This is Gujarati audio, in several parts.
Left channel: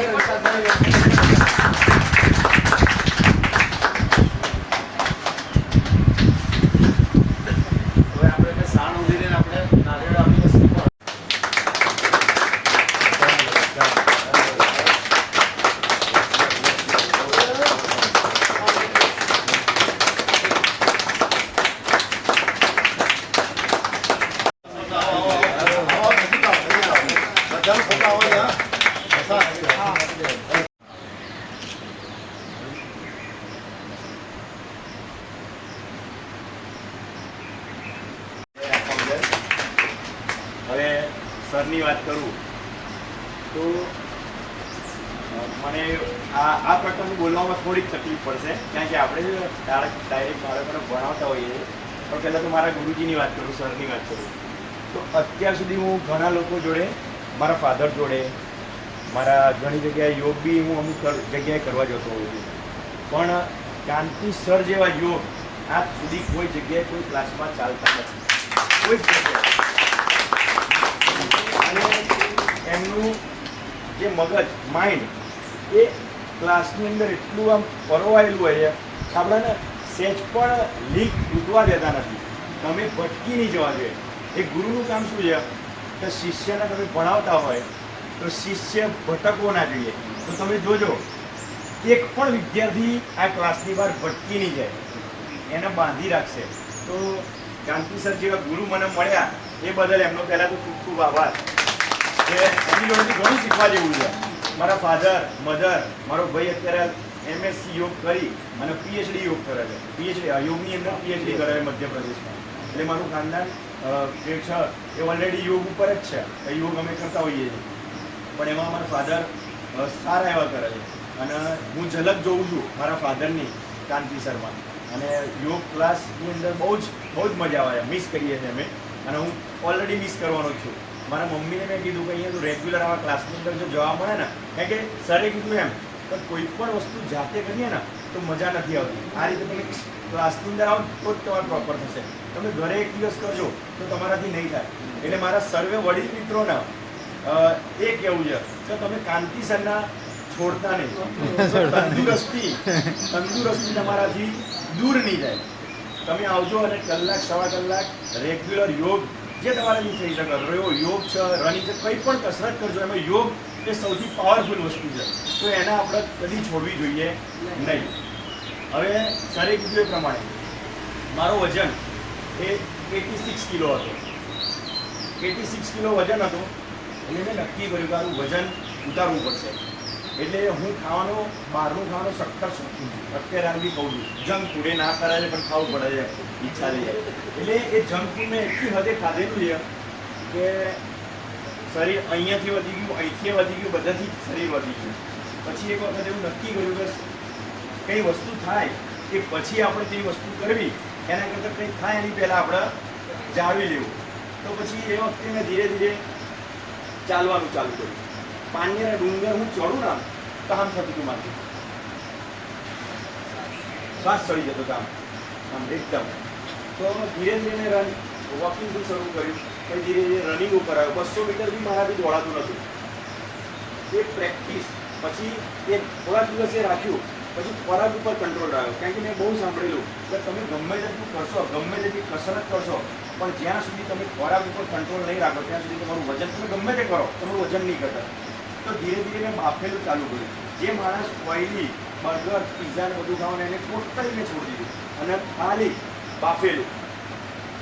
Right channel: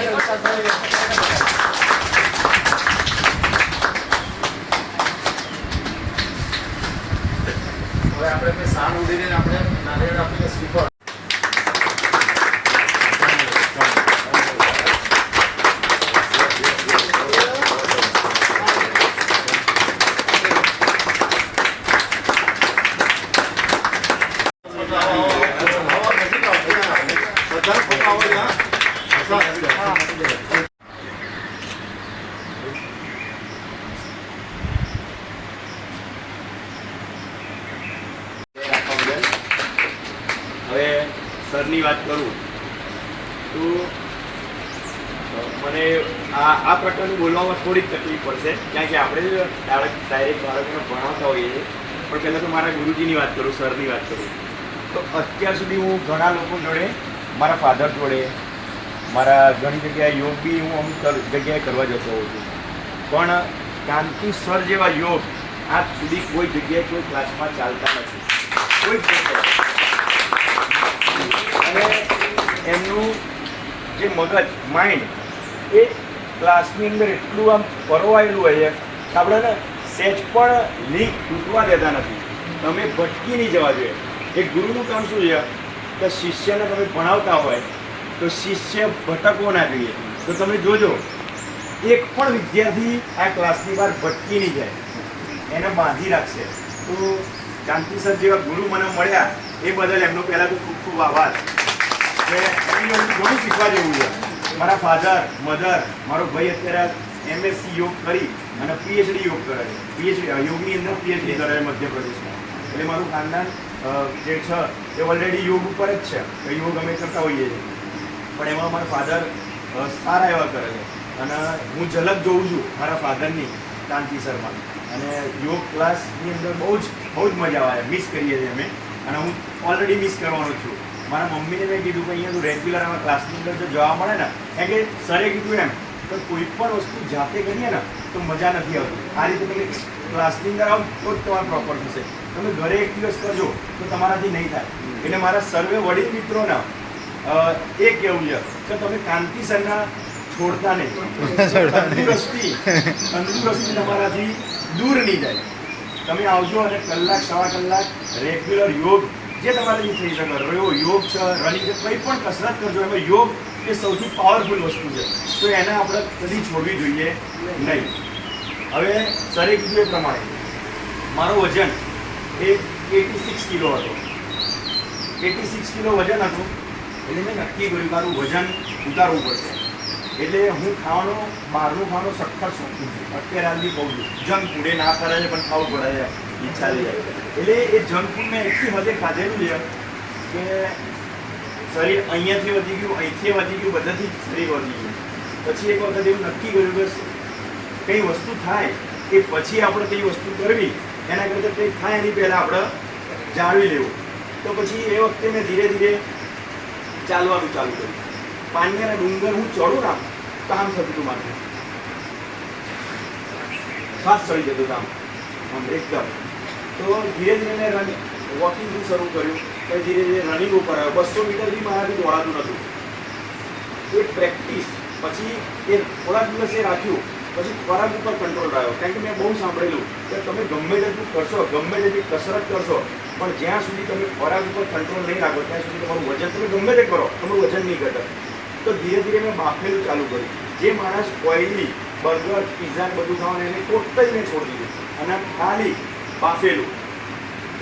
એટલે ખરેખર વિકાસભાઈ હવે આપણે કંઈ સાણ ઉડીને આપણે નારિયેળ આપીને શ્રીફળ બધાને ફોટા આવો છે, હા? બધા? હવે સરની વાત કરું તો અ, મને આ આ પ્રકારનું બોલવામાં થોડીક તકલીફ પડશે. કારણ કે આપણે ડાયરેક્ટ બાળકોને ભણાવતા હોઈએ છીએ. પણ પહેલાં તો મારા ગુરુજીની વાત કરું, સરની વાત કરું. તો અત્યાર સુધી હું ઘણા લોકો જોડે, મારા ફાધર જોડે, મારા ઘણી જગ્યાએ યોગ બી હું અમુક જગ્યાએ કરવા જતો હોઉં છું. પણ કાંતિ સર જેવા યોગ આજ સુધી કોઈ જગ્યાએ કોઈ ક્લાસમાં ચાલતા નથી. કોઈ અને એમનું જે મગજ માઇન્ડ એ ક્લાસની અંદર એટલું આમ પરોવાયેલું હોય કે આપણને સહેજ પણ લિંક તૂટવા દેતા નથી. તમે ભટકી નહીં જવા જોઈએ. એ ગુરુનું કામ શું છે? કે શિષ્યને તમે ભણાવતા હોય, તો શિષ્ય ભટકવો ના જોઈએ. તો તમે જોજો, એક પણ વિદ્યાર્થી આ ક્લાસની બહાર ભટકી નહીં જાય. એને બાંધી રાખશે. તો સર જેવા ગુરુ મને મળ્યા, એ બદલ એમનો પહેલાં તો ખૂબ ખૂબ આભાર. કે એમની ઘણું શીખવા જેવું છે. મારા ફાધર મધર મારો ભાઈ અત્યારે એમએસસી યોગ કરી અને પીએચડી યોગ કરે છે. પીએચડી યોગની અંદર પીએચડી કરે છે મધ્યપ્રદેશમાં. એટલે મારું ખાનદાન જે છે, એ ઓલરેડી યોગ ઉપર જ છે. યોગ અમે કરતા હોઈએ છીએ. પણ એમાં મારા ફાધર સારા એવા કરે છે. અને હું ઝલક જોઉં છું મારા ફાધરની કાંતિ શર્મા. અને યોગ ક્લાસની અંદર બહુ જ બહુ જ મજા આવે. મિસ કરીએ છીએ અમે. અને હું ઓલરેડી મિસ કરવાનો છું. મારા મમ્મીને મેં કીધું કે અહીંયા તું રેગ્યુલર આમાં ક્લાસની અંદર જો જોવા મળે ને કારણ કે સરે કીધું એમ તો કોઈ પણ વસ્તુ જાતે કરીએ ને તો મજા નથી આવતી. આ રીતે તમે ક્લાસની અંદર આવો તો જ તમારે પ્રોપર થશે. તમે ઘરે એક દિવસ કરજો તો તમારાથી નહીં થાય. એટલે મારા સર્વે વડીલ મિત્રોના એ કહેવું છે કે તમે કાંતિ સરના છોડતા નહીં. તંદુરસ્તી તંદુરસ્તી તમારાથી દૂર નહીં જાય તમે આવજો અને કલાક સવા કલાક રેગ્યુલર યોગ જે તમારાથી થઈ શકે. રહ્યો યોગ છે રનિંગ છે, કંઈ પણ કસરત કરજો એમાં યોગ એ સૌથી પાવરફુલ વસ્તુ છે. તો એને આપણે કદી છોડવી જોઈએ નહીં. હવે સરે કીધું એ પ્રમાણે, મારો વજન એ એટી સિક્સ કિલો હતો. એટી સિક્સ કિલો વજન હતું, એટલે મેં નક્કી કર્યું મારું વજન ઉતારવું પડશે. એટલે હું ખાવાનું, બહારનું ખાવાનું સખત શોખું છું. અત્યારે હાલ બી કહું છું જંક ફૂડ ના કરે પણ ખાવું પડે છે ઈચ્છા થઈ જાય. એટલે એ જંક ફૂડ મેં એટલી હદે ખાધેલું છે કે શરીર અહીંયાથી વધી ગયું, અહીંથી વધી ગયું, બધાથી શરીર વધી ગયું. પછી એક વખત એવું નક્કી કર્યું કે કંઈ વસ્તુ થાય એ પછી આપણે કઈ વસ્તુ કરવી, એના કરતાં કંઈ થાય એની પહેલાં આપણે જાળવી લેવું. તો પછી એ વખતે મેં ધીરે ધીરે ચાલવાનું ચાલુ કર્યું. પાણીના ડુંગર હું ચડું ને કામ થતું હતું માથું. શ્વાસ ચડી જતો કામ આમ એકદમ. તો ધીરે ધીરે મેં રન વોકિંગથી શરૂ કર્યું. પછી ધીરે ધીરે રનિંગ ઉપર આવ્યો. બસો મીટર બી મારાથી દોડાતું નહોતું એ પ્રેક્ટિસ પછી એ થોડાક દિવસે રાખ્યું. પછી ખોરાક ઉપર કંટ્રોલ રહ્યો. કારણ કે મેં બહુ સાંભળેલું કે તમે ગમે તેટલું કરશો, ગમે તેટલી કસરત કરશો, પણ જ્યાં સુધી તમે ખોરાક ઉપર કંટ્રોલ નહીં રાખો, ત્યાં સુધી તમારું વજન તમે ગમે તે કરો, તમારું વજન નહીં ઘટે. તો ધીરે ધીરે મેં બાફેલું ચાલુ કર્યું. જે માણસ ઓઇલી બર્ગર પીઝા બધું ખાવાનું એને ટોટલી મેં છોડી દીધું. અને ખાલી બાફેલું.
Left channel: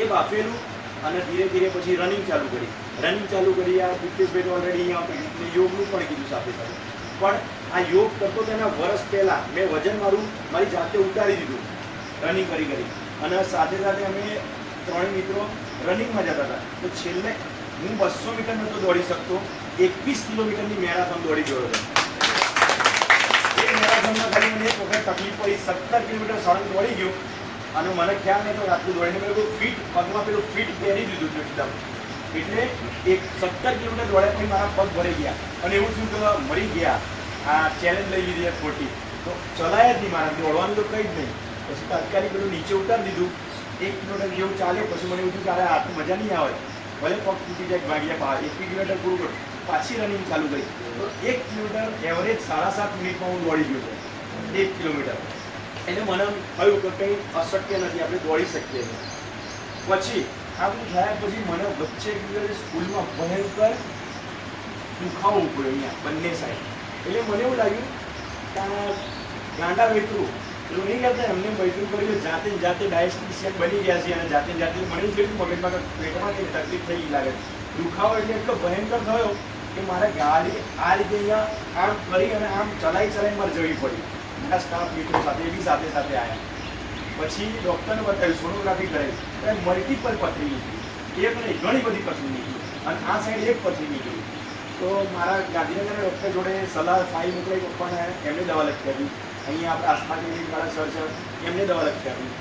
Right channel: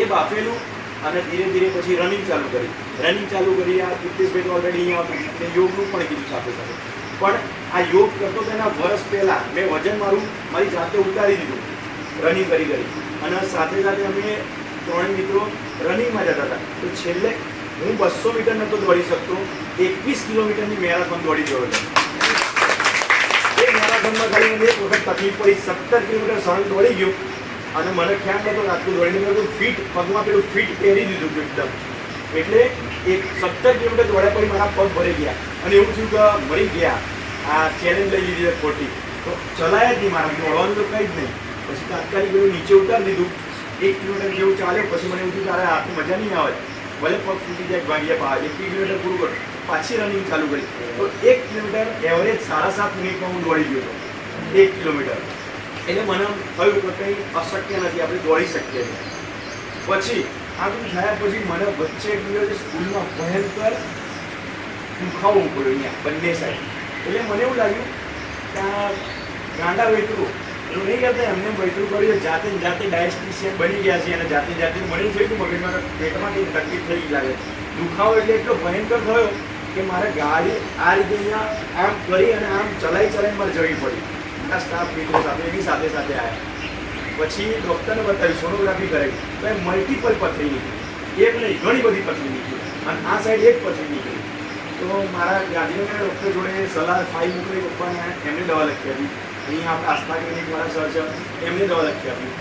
એ બાફેલું અને ધીરે ધીરે પછી રનિંગ ચાલુ કરી. રનિંગ ચાલુ કરી, આ દિત્યેશભાઈ તો ઓલરેડી અહીંયા આવતા એટલે યોગનું પણ કીધું સાથે સાથે. પણ આ યોગ કરતો તેના વર્ષ પહેલાં મેં વજન મારું, મારી જાતે ઉતારી દીધું રનિંગ કરી કરી. અને સાથે સાથે અમે ત્રણ મિત્રો રનિંગમાં જતા હતા. તો છેલ્લે હું બસો મીટર નહોતો દોડી શકતો, એકવીસ કિલોમીટરની મેરાથોન દોડી ગયો હતો. એ મેરાથોનમાં ખાલી એક વખત તકલીફ પડી, સત્તર કિલોમીટર સળંગ દોડી ગયો. અને મને ખ્યાલ નહોતો રાતનું દોડીને મેં ફીટ, પગમાં પેલું ફીટ પહેરી દીધું હતું એકદમ. એટલે એક સત્તર કિલોમીટર દોડ્યા પછી મારા પગ ભરી ગયા. અને એવું થયું કે મરી ગયા. આ ચેલેન્જ લઈ લીધી ખોટી. તો ચલાયા જ નહીં મારા. દોડવાનું તો કંઈ જ નહીં. પછી તાત્કાલિક બધું નીચે ઉતારી દીધું. એક કિલોમીટર જેવું ચાલે. પછી મને એવું થયું તારે અરે, આ મજા નહીં આવે. ભલે પગ તૂટી જાય, ભાગ્ય બહાર એક કિલોમીટર પૂરું કરું પાછી રનિંગ ચાલુ કરી. તો એક કિલોમીટર એવરેજ સાડા સાત મિનિટમાં હું દોડી ગયો હતો. એક કિલોમીટર. એટલે મને થયું કે કંઈ અશક્ય નથી, આપણે દોડી શકીએ છીએ. પછી, આ બધું થયા પછી મને વચ્ચે એક દિવસ સ્કૂલમાં ભયંકર દુખાવો પડ્યો અહીંયા, બંને સાઈડ એટલે મને એવું લાગ્યું કે આ ગાંડા વેટરું એવું નહીં કરતા એમને વેટરું કર્યું જાતે જાતે ડાયસ્ટિશિયન બની ગયા છે અને જાતે જાતે બની થઈ ગયું મગજમાં પેટમાં કંઈ તકલીફ થઈ લાગે. દુખાવો એટલે એટલો ભયંકર થયો કે મારે ગાડી આ રીતે અહીંયા આમ કરી અને આમ ચલાઈ ચલાવી મારે જવી પડી. મારા સ્ટાફ મિત્રો સાથે, એની સાથે સાથે આવ્યા પછી ડૉક્ટરને બતાવી સોનોગ્રાફી કરાવી તો એ મલ્ટિપલ પથરી નીકળી. એક નહીં, ઘણી બધી પથરી નીકળી. અને આ સાઈડ એક પથરી નીકળી. તો મારા ગાંધીનગરના ડૉક્ટર જોડે સલાહ ફાઈ મોકલાઈ પપ્પાને, એમને દવા લખી આપી. અહીંયા આપણે આસ્થા ક્લિનિકવાળા સર છે, એમને દવા લખી આપી.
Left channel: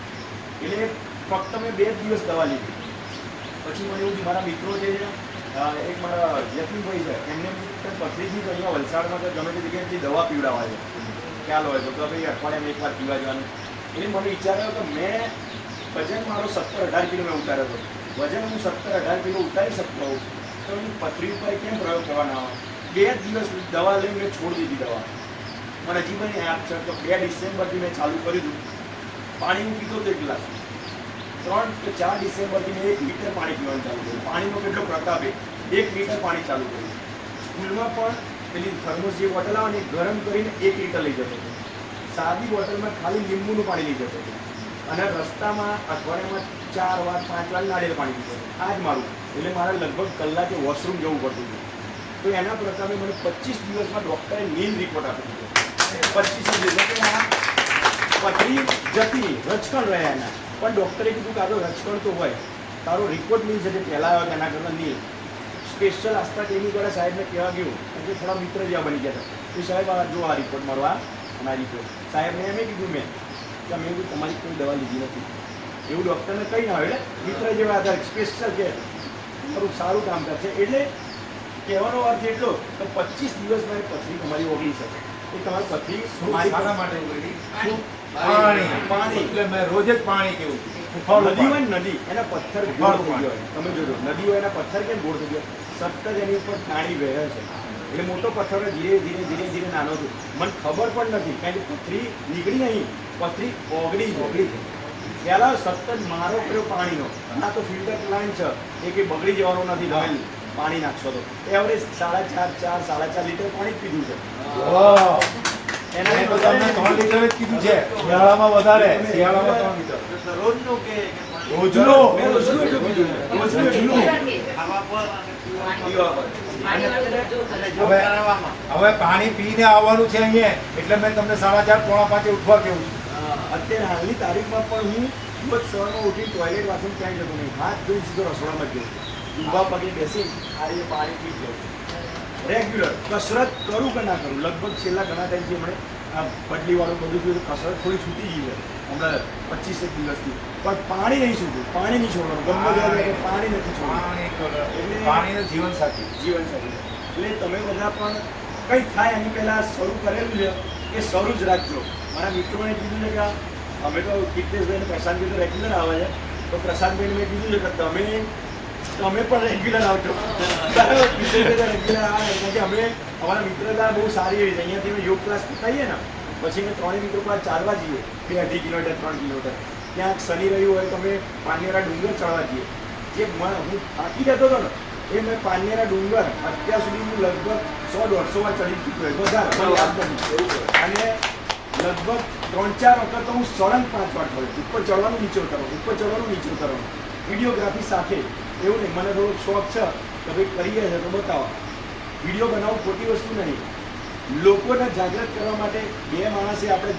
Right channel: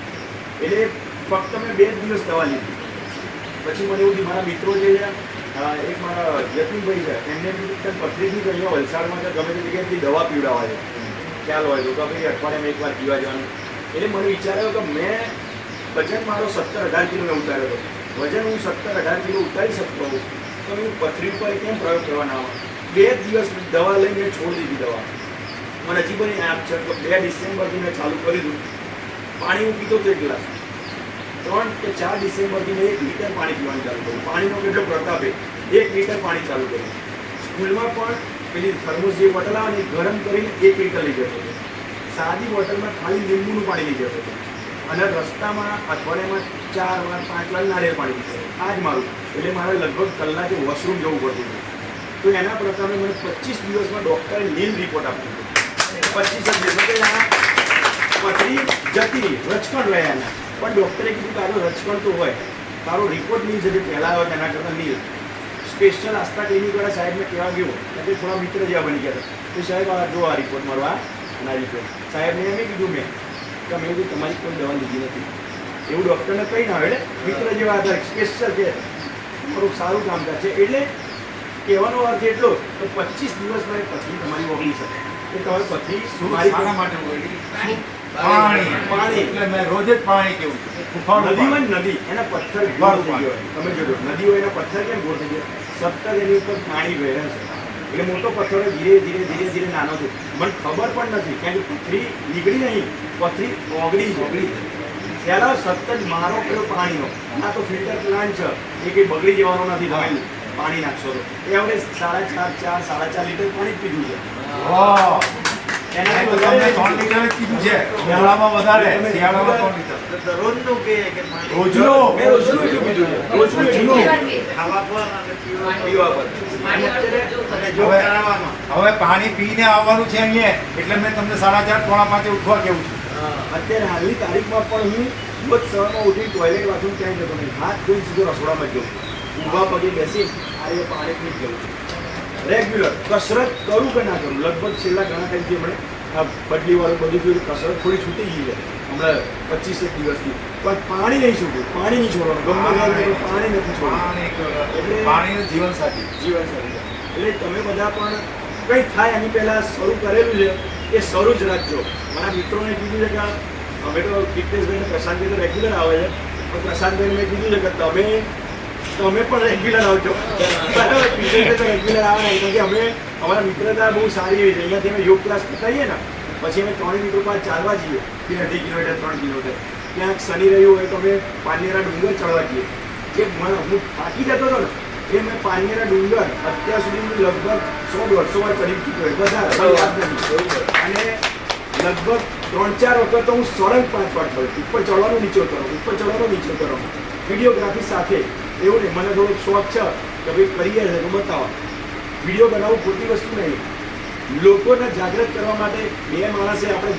એટલે ફક્ત મેં બે દિવસ દવા લીધી. પછી મને એવું મારા મિત્રો જે છે એક મારા જતીનભાઈ છે, એમને એમ પથરીથી અહીંયા વલસાડમાં કે ગમે તે જગ્યાએથી દવા પીવડાવવા છે. ખ્યાલ હોય તો ભાઈ, અઠવાડિયામાં એકવાર પીવા જવાનું. એટલે મને વિચાર આવ્યો કે મેં વજન મારો સત્તર અઢાર કિલો મેં ઉતાર્યો હતો વજન હું સત્તર અઢાર કિલો ઉતારી શકતો હોઉં, તો હું પથરી ઉપર કેમ પ્રયોગ કરવાના આવા? બે જ દિવસ દવા લઈને મેં છોડી દીધી દવા. મને હજી પણ યાદ છે કે બે ડિસેમ્બરથી મેં ચાલુ કરી દીધું પાણી હું પીતો તે ગ્લાસ. ત્રણ કે ચાર ડિસેમ્બરથી મેં એક લીટર પાણી પીવાનું ચાલુ કર્યું. પાણીનો કેટલો પ્રતાપ એક લીટર પાણી ચાલુ કર્યું. સ્કૂલમાં પણ પેલી થર્મોસ જે બોટલ આવે ને ગરમ કરીને એક લીટર ગયો હતો સાદી બોટલમાં ખાલી લીંબુનું પાણી ગયો હતો અને રસ્તામાં અઠવાડિયામાં ચાર વાર, પાંચ વાર નારિયેળ પાણી પીતો આ જ મારું. એટલે મારે લગભગ કલાકે વોશરૂમ જવું પડતું હતું. તો એના પ્રકારે મને પચીસ દિવસમાં ડૉક્ટરે નીલ રિપોર્ટ આપ્યો હતો પચીસ પથરી જતી રચકણ રહ્યા એના. પણ ડૉક્ટરે કીધું, તારો રચકણ તો હોય. તારો રિપોર્ટ નીલ છે પહેલાં આવ્યો તેના કરતાં નીલ સ્પેશિયલ આસ્થા ક્લિનિકવાળા સાહેબને કહેવા ગયું એટલે થોડા મિત્ર જેવા બની ગયા હતા તો સાહેબ આ જો આ રિપોર્ટ મારો આ અને આ રિપોર્ટ સાહેબને એમ કીધું મેં કે મેં બી તમારી કોઈ દવા લીધી નથી એવું ડૉક્ટરને કંઈ ના આવે એટલે મિત્ર જેવા હતા સ્પેશિયલ કે તમારું સારું કામ છે એટલે કહેવાનો અર્થ એટલો કે પચીસ દિવસ મારી પથરી તમારી ઓગળી શકે. કે તમારી પથરી શું માટે? પાણી. પાણી. એટલે મેં રોજ જ પાણી પીવું છું. નદી હોય નદી એના પથ્થર ગોળ થઈ ગયો હોય. તમે જોજો નદી હોય એના પથ્થર કેમ ગોળ થઈ ગયો? સતત એની ઉપર પાણી વહે છે. એટલે મોટો પથ્થર ધીરે ધીરે ધીરે ધીરે નાનો છે. મને ખબર પણ નથી કારણ કે પથરી નીકળી નહીં પથરી ઓગળી ઓગળી પહેલાં સતત મારો કયો પાણીનો? આ તો ફિલ્ટર પ્લાન્ટ છે એ કંઈ બગડી જવાનો નથી તમે પાણી નાખશો તો. એવરેજ સાડા ચાર ચાર સાડા ચાર લીટર પાણી જ પીધું છે. હવે- હવે પાણી પીને આવવાનું છે અહીંયા એટલે મેં તમને સાડા ચાર પોણા પાંચે ઉઠવા કેવું છું. અત્યારે હાલની તારીખમાં પણ હું રોજ સવારમાં ઉઠી ટોયલેટ બાથરૂમ ક્યાંય જતો નહીં હાથ ધોઈ સીધો રસોડામાં ગયો ઊભા પગે બેસી આ રીતે પાણી પી ગયો રેગ્યુલર કસરત કરું કે ના કરું? લગભગ છેલ્લા ઘણા ટાઈમથી હમણાં આ બદલીવાળું બધું જોયું કસરત થોડી છૂટી ગઈ છે. હમણાં પચીસેક દિવસથી. પણ પાણી નહીં છૂટ્યું પાણી નહીં છોડવાનું. ગમે પાણી નથી છોડવાનું. પાણી પાણી જીવન સાથી. જીવન સાથી. એટલે તમે બધા પણ કંઈ થાય એની પહેલાં શરૂ કરેલું છે એ શરૂ જ રાખજો. મારા મિત્રોને કીધું છે કે અમે તો ફિટનેસભાઈને પ્રશાંતભાઈ તો રેગ્યુલર આવે છે. પણ પ્રશાંતભાઈને મેં કીધું છે કે તમે તમે પણ રેગ્યુલર આવજો રેગ્યુલર આવે ને કે અમે, અમારા મિત્રતા બહુ સારી હોય છે. અહીંયાથી અમે યોગ ક્લાસ કરીએ ને, પછી અમે ત્રણેય મિત્રો પાસે ચાલવા જઈએ. બે અઢી કિલોમીટર ત્રણ કિલોમીટર ક્યાંક શનિ રહ્યું હોય તો અમે પાનેરા ડુંગર ચડવા જઈએ. જે હું થાકી જતો હતો ને, એ મેં પાનેરા ડુંગર અત્યાર સુધી લગભગ સો, દોઢસો વાર ચડી ચૂક્યો વધારે યાદ નથી અને લગભગ ત્રણ, ચાર વખત તો હું સળંગ પાંચ વાર ચડું ઉપર ચડવાનું નીચો કરો ઉપર ચડવાનું નીચો કરો વિડીયોગ્રાફી સાથે એવું નહીં, મને થોડુંક શોખ છે કે ભાઈ કરી ગયા છે, તો બતાવો. વીડિયો બનાવવું ખોટી વસ્તુ નહીં. લોકોને જાગૃત કરવા માટે બે માણસે આપણે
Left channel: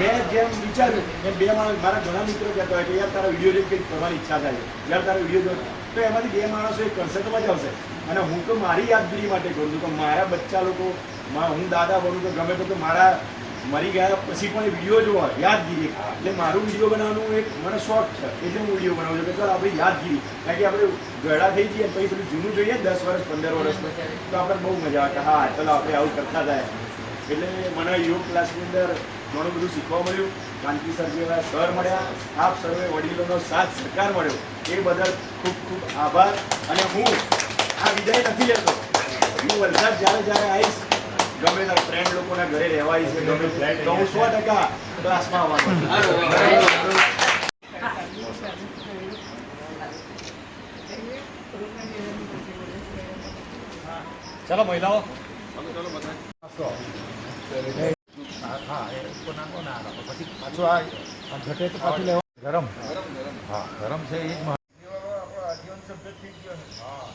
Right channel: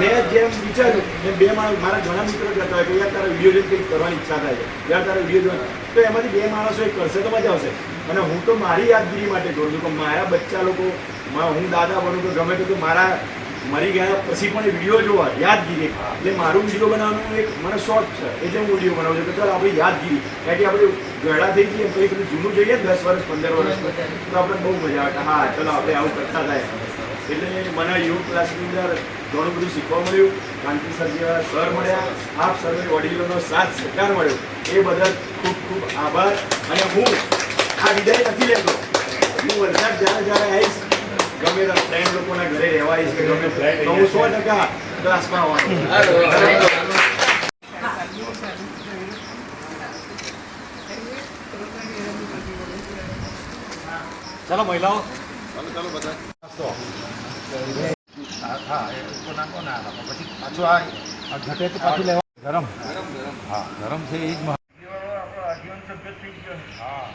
મેં જેમ વિચાર્યું એમ બે માણસ, મારા ઘણા મિત્રો કહેતા હોય કે યાર તારા વીડિયો જોઈને કંઈક કરવાની ઈચ્છા થાય છે. યાર તારા વીડિયો જોઈને. તો એમાંથી બે માણસો એ કરશે તો મજા આવશે. અને હું તો મારી યાદગીરી માટે કરું છું કે મારા બચ્ચા લોકો હું દાદા બનું કે ગમે તો મારા મરી ગયા પછી પણ એ વીડિયો જોવા યાદગીરી. એટલે મારું વીડિયો બનાવવાનું એક મને શોર્ટ છે એટલે હું વીડિયો બનાવું છું. કે ચાલો આપણી યાદગીરી કારણ કે આપણે ગળા થઈ જઈએ પછી પેલું જૂનું જોઈએ દસ વર્ષ પંદર વર્ષ. તો આપણે બહુ મજા આવે કે હા ચલો આપણે આવું કરતા થાય એટલે મને યોગ ક્લાસની અંદર ઘણું બધું શીખવા મળ્યું. કાંતિ સર જેવા સર મળ્યા આપ સર્વે વડીલોનો સાથ સહકાર મળ્યો. એ બદલ ખૂબ ખૂબ આભાર. અને હું આ વિદાય નથી લેતો. હું વરસાદ જ્યારે જ્યારે આવીશ ગમે તે ફ્રેન્ડ લોકોના ઘરે રહેવા આવીશ ગમે તો હું સો ટકા ક્લાસમાં આવવાનો. ચાલો મહિલાઓ. હા હા એ તો નાખો ના પછી પાછું આ ઘટે તો પાછું લેવા ગરમ. હા ગરમ છે એ જ મહત્વ. હા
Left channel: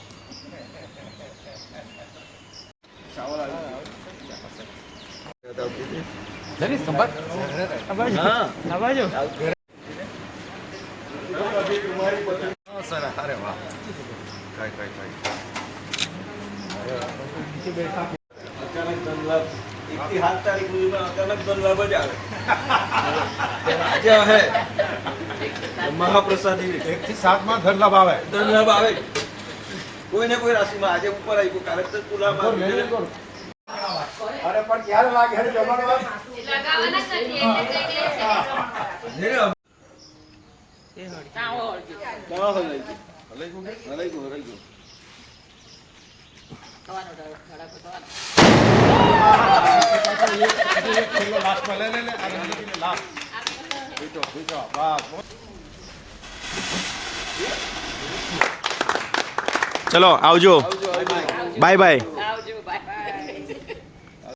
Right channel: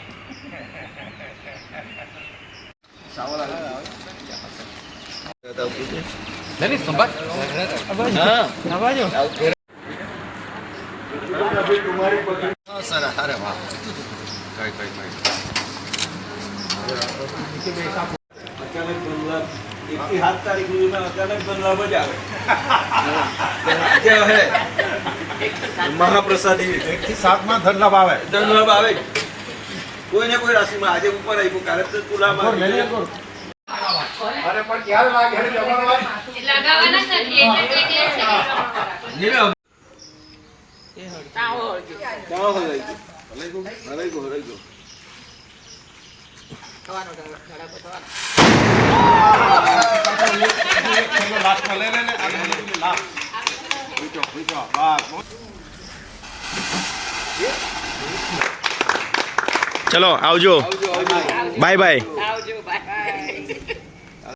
લેની સંભાળ હા. સર અરે વાહ. કઈ કઈ કઈ. અચાનક ધનલાભ એકથી સાત તારીખ સુધીમાં અચાનક ધનલાભ જ આવે મહાપ્રસાદી એકથી સાતમાં ધન લાભ આવે ધનલાભ આવે કોઈ ને કોઈ રાશિમાં આજે ઉપર આવ્યું કારણ તો તુલામાં. અરે પણ ક્યારે લાગે અરે જમણવાર? લગાવવાના નથી એટલે કે છે ક્યાં હલાઈ ગયું? હલાઈ ગયું? હલાઈ ગયું, હલાઈ ગયું. લાસ્ટમાં લે લે લે લે, લે, લે, લાસ્ટ. બીજો બીજો બસ ચલો આવજો બાય બાય